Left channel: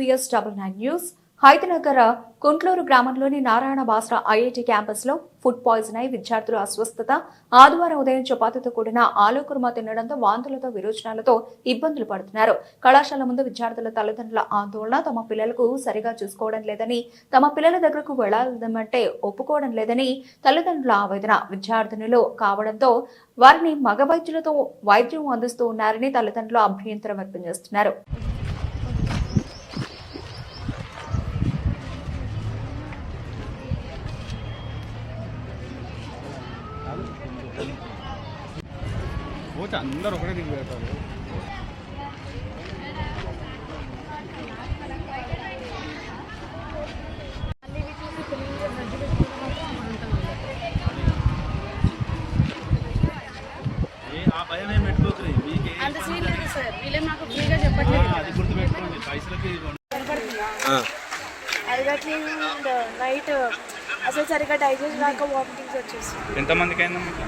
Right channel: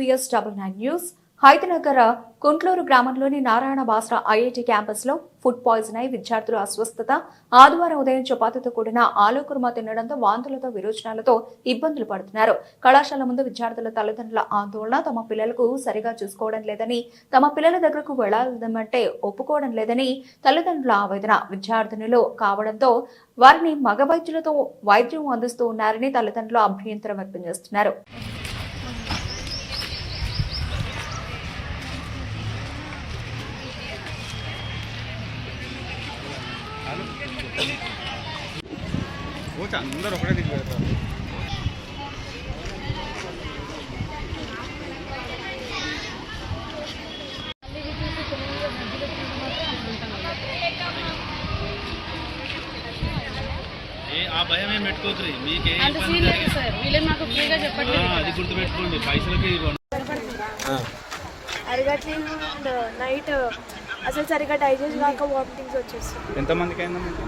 VS99 news. Hayathnagar Kuntloor గ్రామంలోని Narayana Basra IIT campus లో food poison అయి విద్యార్థులు అస్వస్థత. ఆదివారం ఉదయం చపాతీతో కూడిన ఆలు కుర్మా తినడంతో వాంతులతో విరోచనాలతో ఇబ్బందులు పడుతున్నారు. కళాశాల ముందు విద్యార్థుల తల్లిదండ్రుల ఆందోళన. తమ పిల్లలకు సరిగా చూసుకోవడం లేదని, తమ పిల్లల దగ్గరకు వెళ్లాలంటే ఒప్పుకోవడం లేదని తల్లిదండ్రుల ఆవేదన. విద్యార్థినులు కావడంతో వారిని మగ వైద్యులతో వైద్యం అందిస్తూ ఉన్నారని తల్లిదండ్రులు అభ్యంతరం వ్యక్తం చేస్తున్నారు. అందరూ ఒకటే దిగుతారు. ఆ భయం ఏం పెట్టుకోవచ్చు, మీకే నాకు ఫ్రీగా చెప్పట్లేదు. అది గుర్తుపెట్టుకోండి, పైసలకి నైట్ అసలు సరిగ్గా డైజెస్ట్ కాక వామిటింగ్స్ వచ్చేస్తాయి. ఎంతమందికి అయిందా మీకు?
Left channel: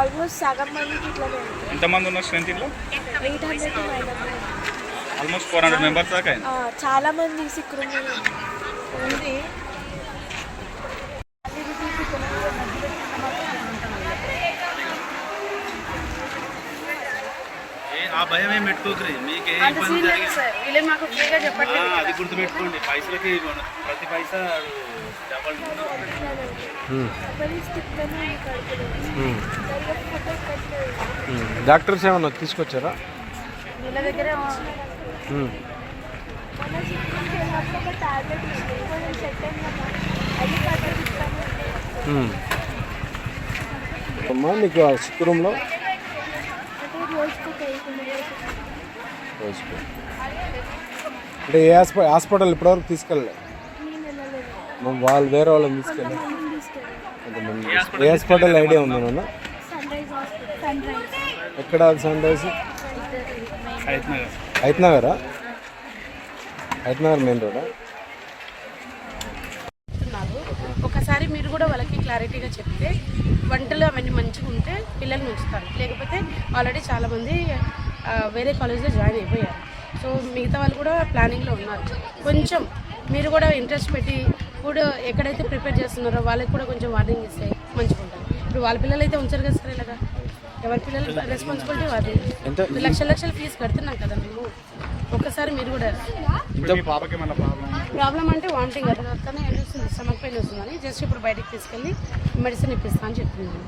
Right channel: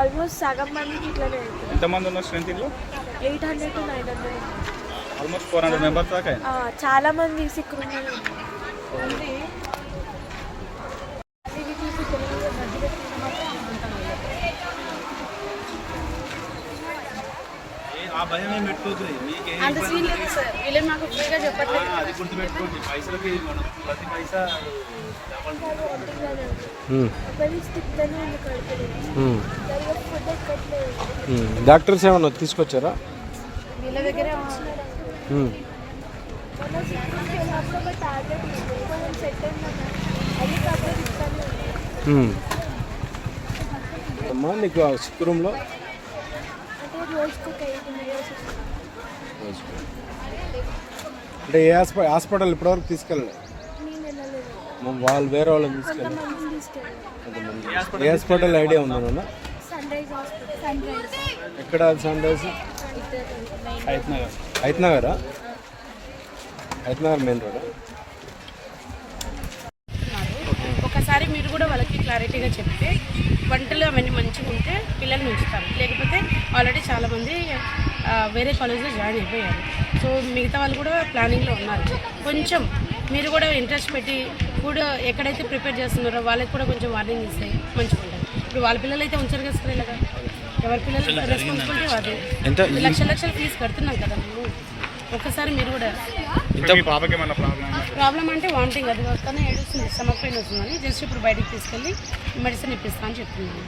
ఆల్మోస్ట్ సగం మందికి ఇట్లానే. ఎంతమంది ఉన్నారు స్ట్రెంత్? 800 to 900. ఆల్మోస్ట్ 400 మెంబర్స్ దాకా. చాలా మంది సిక్ ఆ భయం ఏం పెట్టుకోకరి, మీకే నాకు ఫ్రీగా చెప్పట్లేదు. అది గుర్తుపెట్టుకోండి, పైసలకి ప్రతి పైసా డాక్టర్స్ ఏమన్నా తీసుకొచ్చారా? వీళ్ళ దగ్గర అమ్మా నీకు సిక్ రూమ్లో అంటే ఏ హాస్పిటల్ ఇప్పటివరకు తీసుకెళ్ళలేదు? వాళ్ళు వేరే వాళ్ళని తీసుకెళ్ళి ఏ హాస్పిటల్ ఐడియా ఉందా నాన్న? ఎక్కడ సన్ రైజ్? హైత్నగరా? హైత్నగర్ మెయిన్ రోడా? ఒకసారి మీరు కూడా వాళ్ళకి క్లారిటీగా చెప్తే వంటలు అవన్నీ మంచిగా ఉంటే పిల్లల్ని ఉంచుతారు. లేకపోతే ఆల్రెడీ చాలామంది వేరే కాలేజ్లో జాయిన్ అయిపోయారు. సో మిగతా వాళ్ళు కూడా ప్లానింగ్లో ఉన్నారు. కొంచెం మీరు కూడా ఇంట్రెస్ట్ పెట్టి ఫుడ్ ఎక్కడైతే ప్రిపేర్ చేస్తున్నారో వాళ్ళకి కూడా కొంచెం వార్నింగ్ ఇస్తే మంచిగా ఉంటుంది. ఇప్పుడు వాళ్ళ పిల్లలు అయితే ఉంచారు కదా సార్, ఇలాగా ఎవరి పిల్లలు రెస్పాన్సిబిలిటీ వాటి. లక్షల ఫీజు కడుతున్నాం కదా మేము. ఒక్కసారి మీరు కూడా ప్రాబ్లం అంటే వామిటింగ్ అది వస్తానే ఏడుస్తుంది, స్టమక్ పెయిన్ వస్తుందని జస్ట్ ఇప్పుడు బయటికి తీసుకెళ్ళి మెడిసిన్ ఇప్పిస్తా అని చెప్తున్నాను.